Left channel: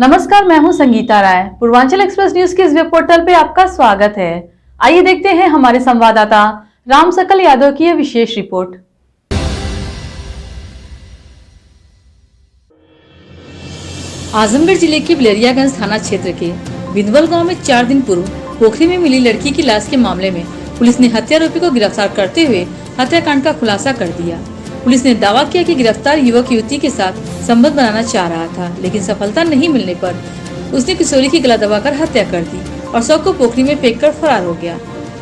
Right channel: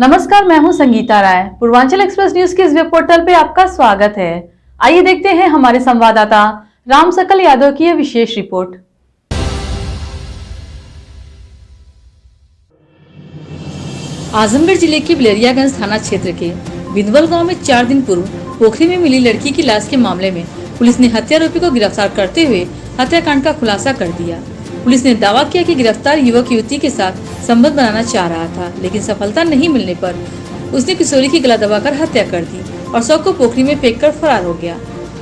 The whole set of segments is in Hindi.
नमस्कार, मैं हूं संगीता राय। पूर्वांचल एक्सप्रेस न्यूज के इस वेब पोर्टल पे आपका स्वागत है। आइए देखते हैं हमारे संवाददाता राम सकल यादव की यह विशेष रिपोर्ट। आजमगढ़ जिले के बिलरियागंज थाना क्षेत्र के बिंदवल गांव में 4 दिन पूर्व पोखरी में मिली लड़की की लाश के मामले में पुलिस ने हत्यारोपी को गिरफ्तार करते हुए हत्याकांड का खुलासा कर दिया। पुलिस ने दावा किया कि गिरफ्तार युवक युवती के साथ संबंध बनाना चाह रहा था, लेकिन सफलता नहीं मिलने पर उसने किशोरी की गला दबाकर हत्या कर दी और शव को पोखरी में फेंककर फरार हो गया।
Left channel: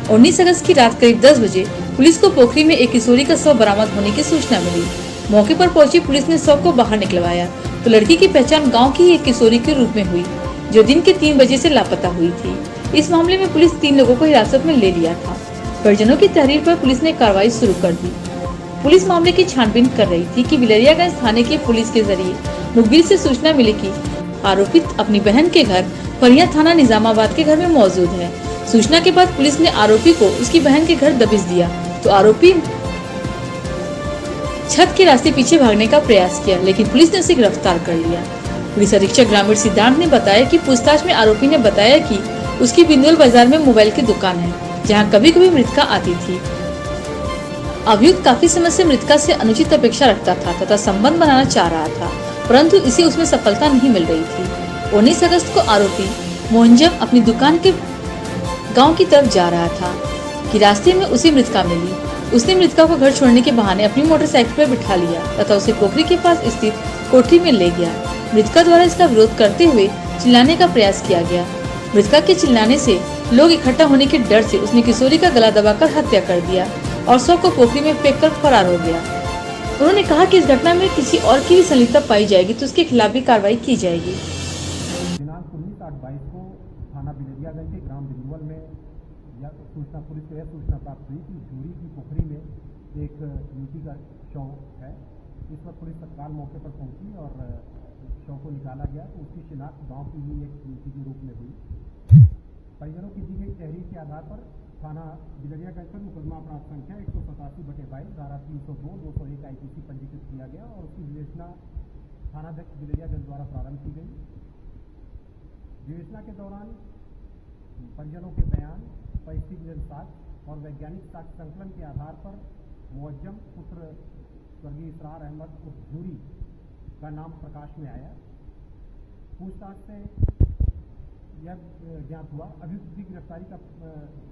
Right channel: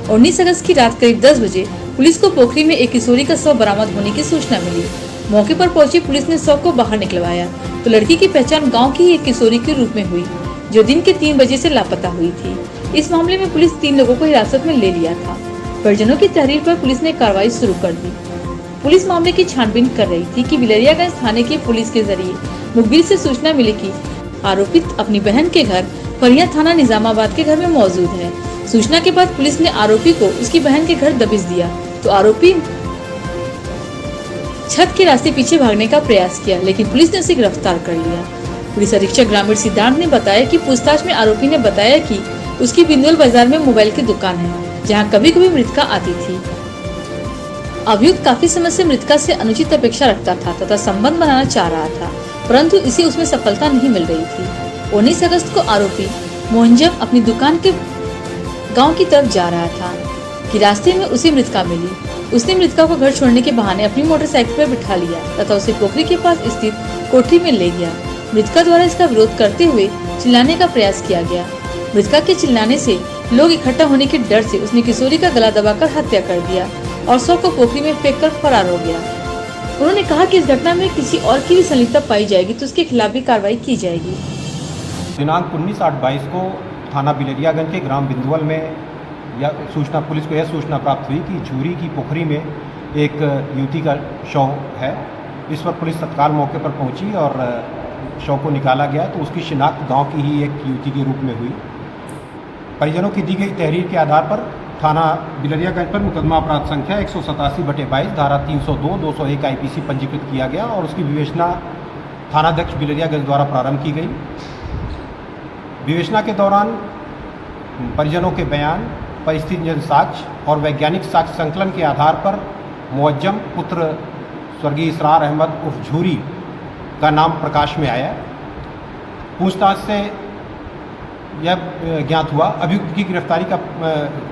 19 अगस्त की रात करीब 10 बजे पुलिस को पोखरी में एक किशोरी का शव बरामद होने की सूचना मिली। मौके पर पहुंची पुलिस ने शव को बाहर निकलवाया तो लड़की की पहचान गाँव की ही एक किशोरी के रूप में हुई, जो दिन के 3 बजे से लापता हुई थी। इस मामले में पुलिस 3 लोगों को हिरासत में ले लिया था। परिजनों की तहरीर पर पुलिस ने कार्रवाई शुरू कर दी। पुलिस मामले की छानबीन कर रही थी कि बिलरियागंज थाने की पुलिस के जरिए मुखबिर से सूचना मिली कि आरोपित अपनी बहन के घर फरिया थाना निजामाबाद के घर में मौजूद है। सूचना के बाद पुलिस ने आरोपी को उसकी बहन के घर दबिश दिया तो आरोपी छत के रास्ते पीछे भागने का प्रयास किया, लेकिन पुलिस ने उसे गिरफ्तार कर लिया। पुलिस अधीक्षक ग्रामीण सिद्धांत ने बताया कि पूछताछ में आरोपी ने बताया कि उसकी बिंदुल बाजार में मोबाइल की दुकान है, जहां कभी कभी मृतका आती थी। अभियुक्त काफी समय से मृतका से अनुचित अपेक्षा रखता था तथा संबंध बनाना चाह रहा था, परंतु इसे उसमें सफलता नहीं मिल रही थी। 19 अगस्त को आरोपी मोहनजम अपनी दुकान के गांव की तरफ जा रहा था कि रास्ते में उसे मृतका मिली। उसने मृतका को घर छोड़ने के बहाने अपनी मोटरसाइकिल पर बिठा लिया तथा उसे पोखरी के पास स्थित कोठरी में ले गया। मृतका द्वारा इसका विरोध करते हुए चिल्लाने का प्रयास किया गया। मृतका के चिल्लाने से लोग इकट्ठा होने के डर से उसने किशोरी का गला दबाकर हत्या कर दिया और शव को पोखरी में फेंककर फरार हो गया। उन्होंने कहा कि इस घटना में किसी और की भी संलिप्तता पाई जाएगी तो उसके खिलाफ भी कार्रवाई की जाएगी। दिनांक 19/8/22 को थाना बिलरियागंज के ग्राम बिंदुवल में पुलिस को यह सूचना प्राप्त हुई कि झूरी की पोखरी में एक युवती का शव है। इस पर पुलिस तत्काल मौके पर पहुंची और शव को निकाला गया तो उसकी शिनाख्त गांव की ही एक युवती के रूप में हुई। परिजनों की दी गई तहरीर के आधार पर थाना बिलरियागंज पर मुकदमा अपराध संख्या 187/22 धारा 302, 201 IPC पंजीकृत किया गया और उसकी विवेचना थानाध्यक्ष बिलरियागंज द्वारा प्रारंभ की गई। विवेचना के दौरान परिजनों के बयान, परिस्थितिजन्य साक्ष्य और वैज्ञानिक साक्ष्य संकलन के आधार पर मुअज्जम पुत्र स्वर्गीय इसरार अहमद उर्फ झूरी का नाम प्रकाश में आया। पूछताछ से यह ज्ञात हुआ अभियुक्त की गिरफ्तारी का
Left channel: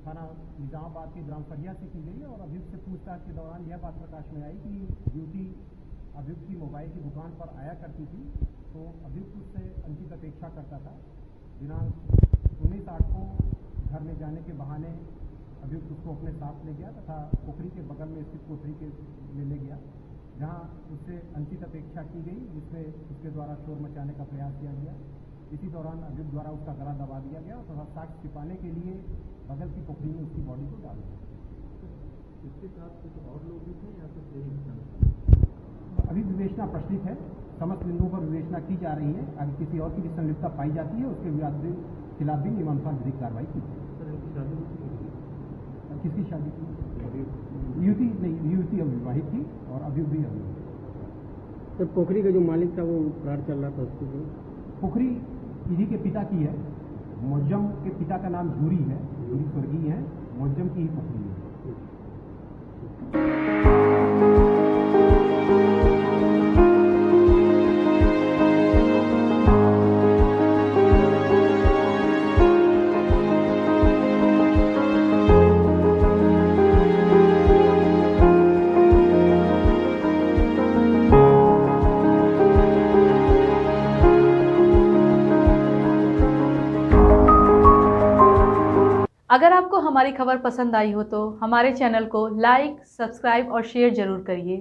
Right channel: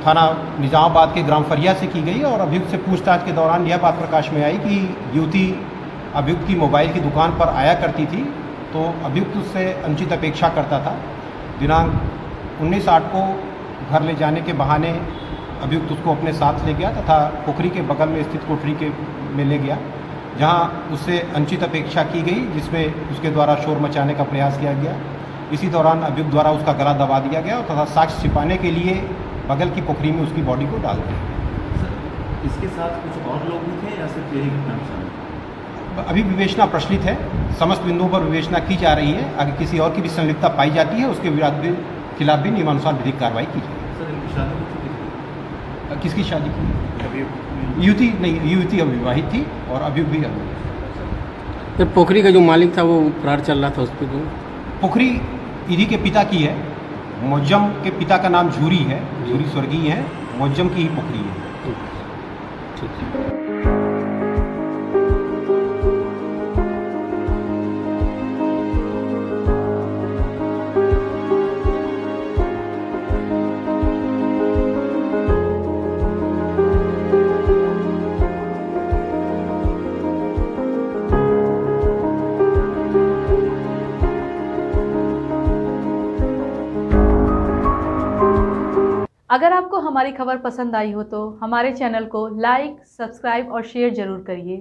थाना निजामाबाद के ग्राम फरिया से की गई और अभियुक्त से पूछताछ के दौरान यह बात प्रकाश में आई कि युवती अभियुक्त की मोबाइल की दुकान पर आया करती थी, तो अभियुक्त उससे अनुचित अपेक्षा करता था। दिनांक 19/8 को घर ले जाने के बहाने अभियुक्त उसको अपने साथ ले गया तथा पोखरी के बगल में स्थित कोठरी में ले गया, जहाँ उससे अनुचित अपेक्षा की गई, जिसमें उसके द्वारा शोर मचाने का प्रयास किया गया। इसी दौरान अभियुक्त द्वारा उसका गला दबा दिया गया तथा साक्ष्य छिपाने के लिए बगल की पोखरी में उसकी बॉडी को डाल दिया। इसके साथ कुछ और लोग भी थे या सिर्फ यही घटना? अभी विवेचना प्रचलित है, समस्त बिंदुओं पर विवेचना की जा रही है। अगर किसी और की भी संलिप्तता पाई जाती है उसके खिलाफ भी नियमानुसार विधिक कार्रवाई की जाएगी। सर, इनकी शादी हो चुकी थी? किसकी शादी की? युवती नहीं, युवती अविवाहित थी और अभियुक्त भी अविवाहित। जब पोखरी का जो मालिक था वो फरार चल रहा था, उस पर पोखरी इन्हीं के पिता की है। मुअज्जम के पिता का नाम झूरी है, झूरी स्वर्गीय है, मुअज्जम की ही पोखरी है। ठीक है। अगर आपको हमारी खबर पसंद आई हो तो हमारे चैनल को लाइक, सब्सक्राइब और शेयर जरूर करिए।